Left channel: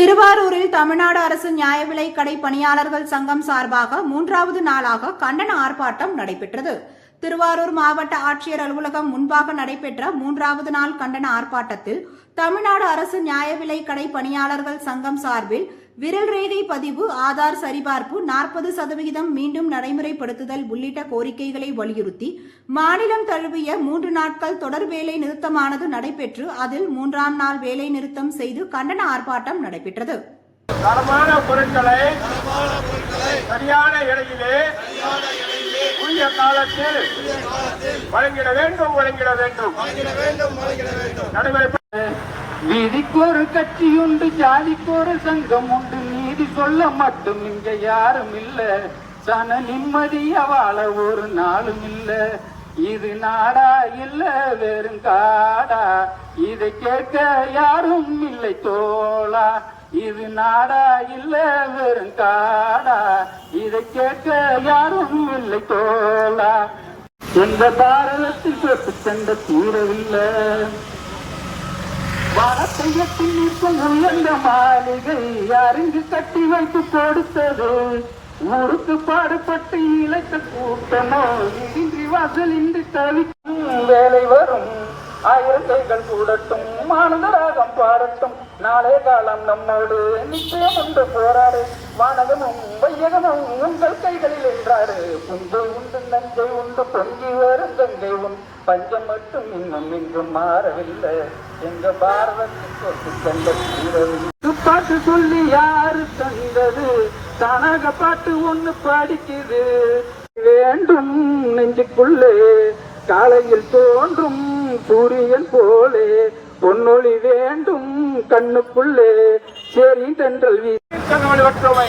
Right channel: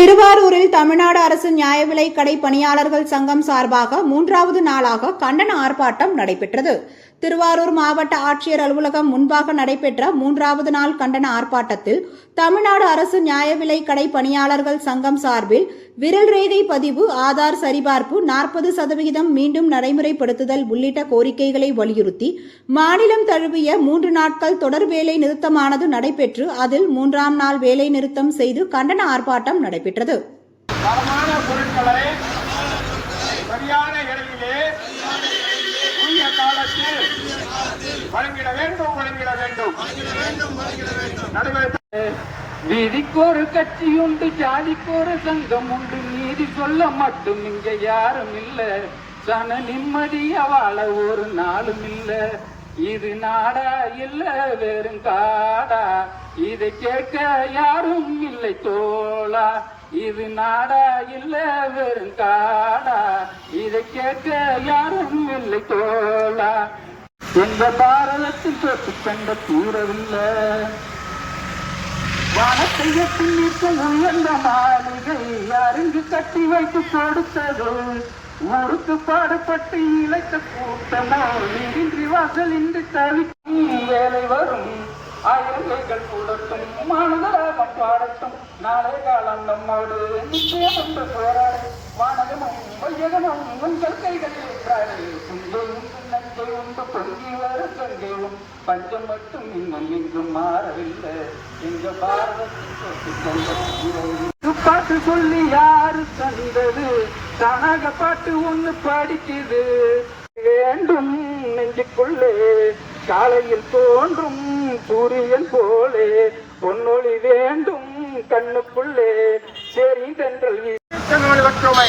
திருவாரூரில் தமிழ்நாடு அரசு நியாய விலை கடை பணியாளர்கள் சங்கம் சார்பாக மூன்றாவது நாளாக கண்டன ஆர்ப்பாட்டம் நடைபெற்றது. திருவாரூர் மாவட்ட ஆட்சியர் அலுவலகம் முன்பாக நடைபெற்ற மூன்றாவது நாள் கண்டன ஆர்ப்பாட்டத்தில் தமிழ்நாடு அரசு நியாய விலை கடை பணியாளர்கள் சங்கம் சார்பில் விரல் ரேகை பதிவு ஆதார் சரிபார்ப்பு நாற்பது சதவிகிதம் மீண்டும் நடைமுறைப்படுத்துதல் உள்ளிட்ட கோரிக்கைகளை வலியுறுத்தி மாநிலம் தழுவிய மூன்று நாட்கள் தொடர் வேலை நிறுத்தமானது நடைபெற்று அதில் மூன்றாம் நாள் வேலை நிறுத்தம் செய்து கண்டன ஆர்ப்பாட்டம் நடைபெற்றது. தரமான பொருட்களை சரியான இடையிலே உரிய காலத்தில் வழங்கிட வேண்டும் வழங்கிட வேண்டும். நடைமுறை வீதிக்கொரு கட்சி உண்டு ஜாதிக்கொரு சங்கம் உண்டு நீதி சொல்ல மட்டும் இங்க யாரும் இல்ல. சன நிம்மதிய வாழ ஒரு நாளும் இல்ல. இது நாடா இல்ல வெறும் காடா. இதை கேட்க யாரும் இல்லை தோழா இது நாடா இல்ல வெறும் காடா. இதை கேட்க யாரும் இல்லை தோழா எந்த பாரதத்தில் சொத்து கண்ட தூரவில்லை வானத்தை எட்டி நிற்கும் உயர்ந்த மாளிகை அருங்கு கட்டி வைத்து கொடுத்தது. ஊருக்கு பாடுபட்டு இழைத்த கூட்டமோ இன்றி வாசல் இன்றி தவிக்கும் வேலை வரும் ஆயிரம் கைகள் கூடட்டும் மானதராகம் பாடட்டும். நாளே காலம் நம்மோடு நிச்சயம் என்று போராடு. வானகமும் வையகமும் உங்கள் கைகளில் என்றாடு உண்டு உண்டு நஞ்சை உண்டு பொங்கி வரும் கங்கை உன். பஞ்சம் மட்டும் இன்னும் இங்கும் மாறவில்லை. எங்க பாரதத்தின் சொத்து பாட்டு சொல்லி யாரு தந்தது? தானாக பாட்டு ஒண்ணு படிக்குது. வேண்டும் நெஞ்சுக்குள்ளே சாலையில் தோன்றும் சூரியன் போலே பொன்னொளி வேண்டும் கண்ணுக்குள்ளே. சரி தென்றல் வீசி. ஒற்றுமை